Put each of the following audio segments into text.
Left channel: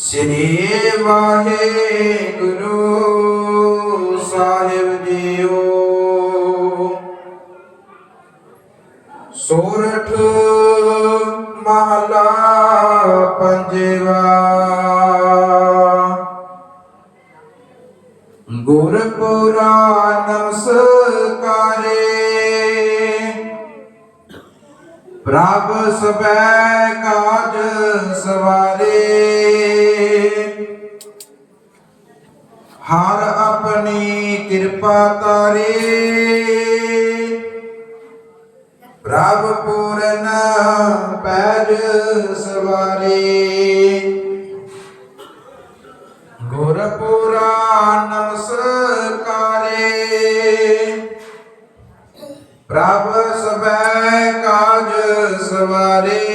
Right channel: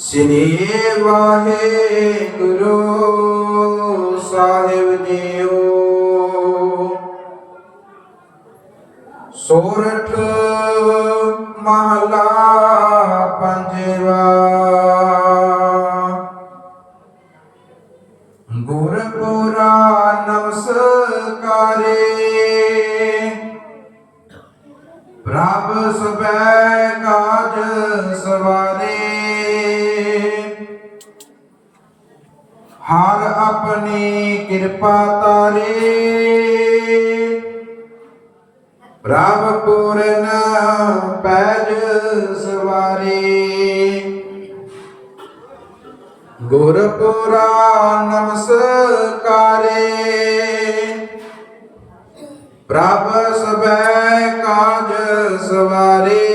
ਸ੍ਰੀ ਵਾਹਿਗੁਰੂ ਸਾਹਿਬ JIO. ਸੋਰਠ ਮਹਲਾ ਪੰਜਵਾ। ਗੁਰਪੁਰਾ ਨਮਸਕਾਰੇ। ਪ੍ਰਭ ਸਬੈ ਕਾਜ ਆਪਣੀ ਕਿਰਪਾ ਤਾਰੇ। ਪ੍ਰਭ ਪੂਰਨ ਪੈਜ ਸਵਾਰੇ। ਗੁਰਪੁਰਾ ਨਮਸਕਾਰੇ। ਪ੍ਰਭ ਸਬੈ ਕਾਜ ਸਵਾਰੇ।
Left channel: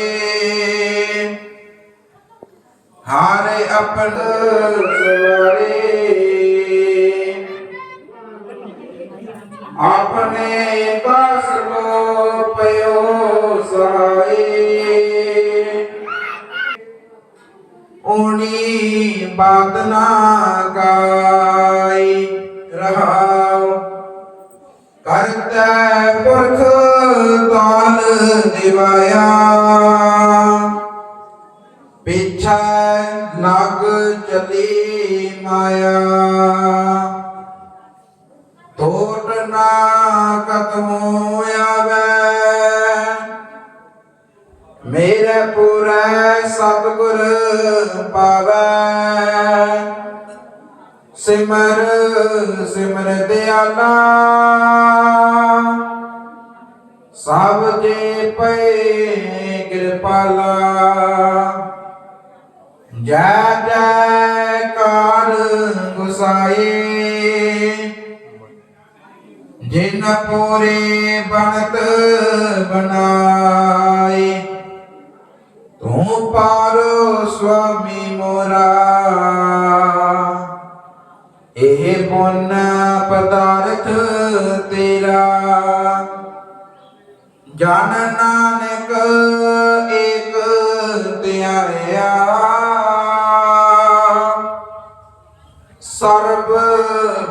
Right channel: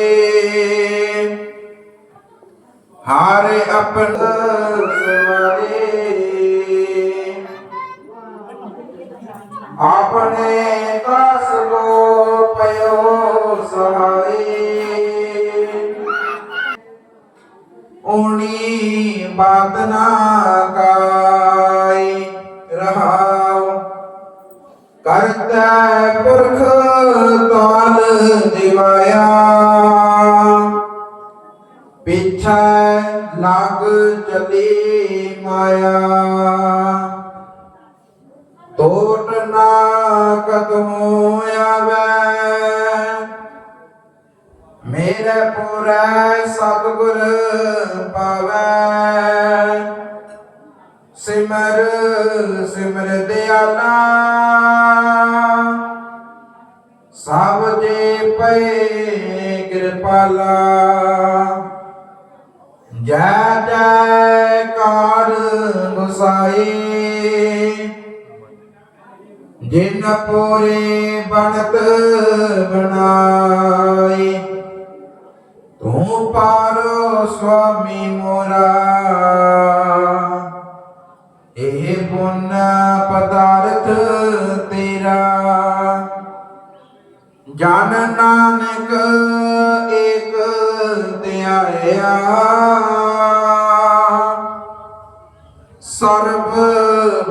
ਹਾਰੇ ਆਪਨ ਸਵਾਰੇ। ਆਪਣੇ ਦਾਸ ਕੋ ਪਇਓ ਸਹਾਈ ਓਣੀ ਬਾਦਨਾ ਕਾਈ ਰਹਾਉ। ਕਰਤਾ ਪੁਰਖ ਤਾਲ ਦਿਵਾਇਆ। ਪਿਛੈ ਲੱਗ ਚਲੀ ਮਾਇਆ। ਟੋਟ ਕਦਮ ਆਵੇ। ਮੇਰੇ ਪੂਰੇ ਸਤਿਗੁਰ ਪਾਵੈ। ਸਿਮਰ ਸਿਮਰ ਦਿਆਲਾ। ਸਭ ਜੇ ਪਏ ਕਿਰਪਾਲਾ। ਜੈ ਜੈ ਜੈਕਾਰ ਗੁਸਾਈ। ਜਿਨ ਪੂਰੀ ਬਣਤ ਬਣਾਈ ਤੂੰ ਪਾਰੋ ਸੁਆਮੀ ਮੋਰਾ। ਇਹ ਪੁੰਨ ਪਦਾਰਥ ਤੇਰਾ। ਜਨ ਨਾਨਕ ਏਕ ਧਿਆਇਆ ਸਰਬ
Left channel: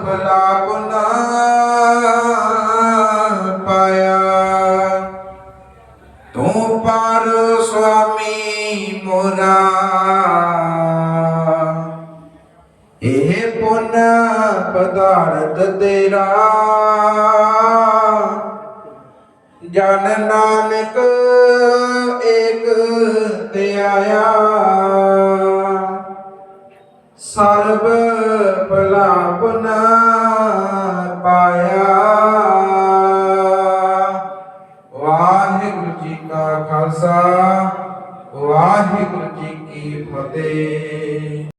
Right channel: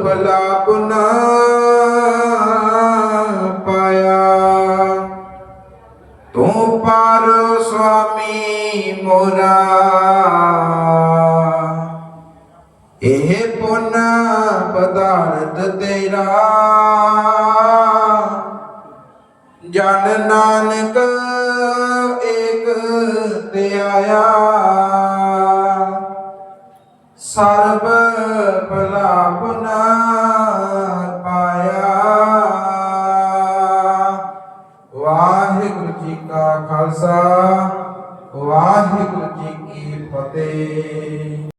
ਭਲਾ ਗੁਣ ਪਦਾਰਥ ਤੇਰਾ। ਜਨ ਨਾਨਕ ਏਕ ਧਿਆਇਆ ਸਰਬ ਭਲਾ ਪਾਇਆ। ਵਾਹਿਗੁਰੂ ਜੀ ਕਾ ਖਾਲਸਾ, ਵਾਹਿਗੁਰੂ ਜੀ ਕੀ ਫਤਿਹ।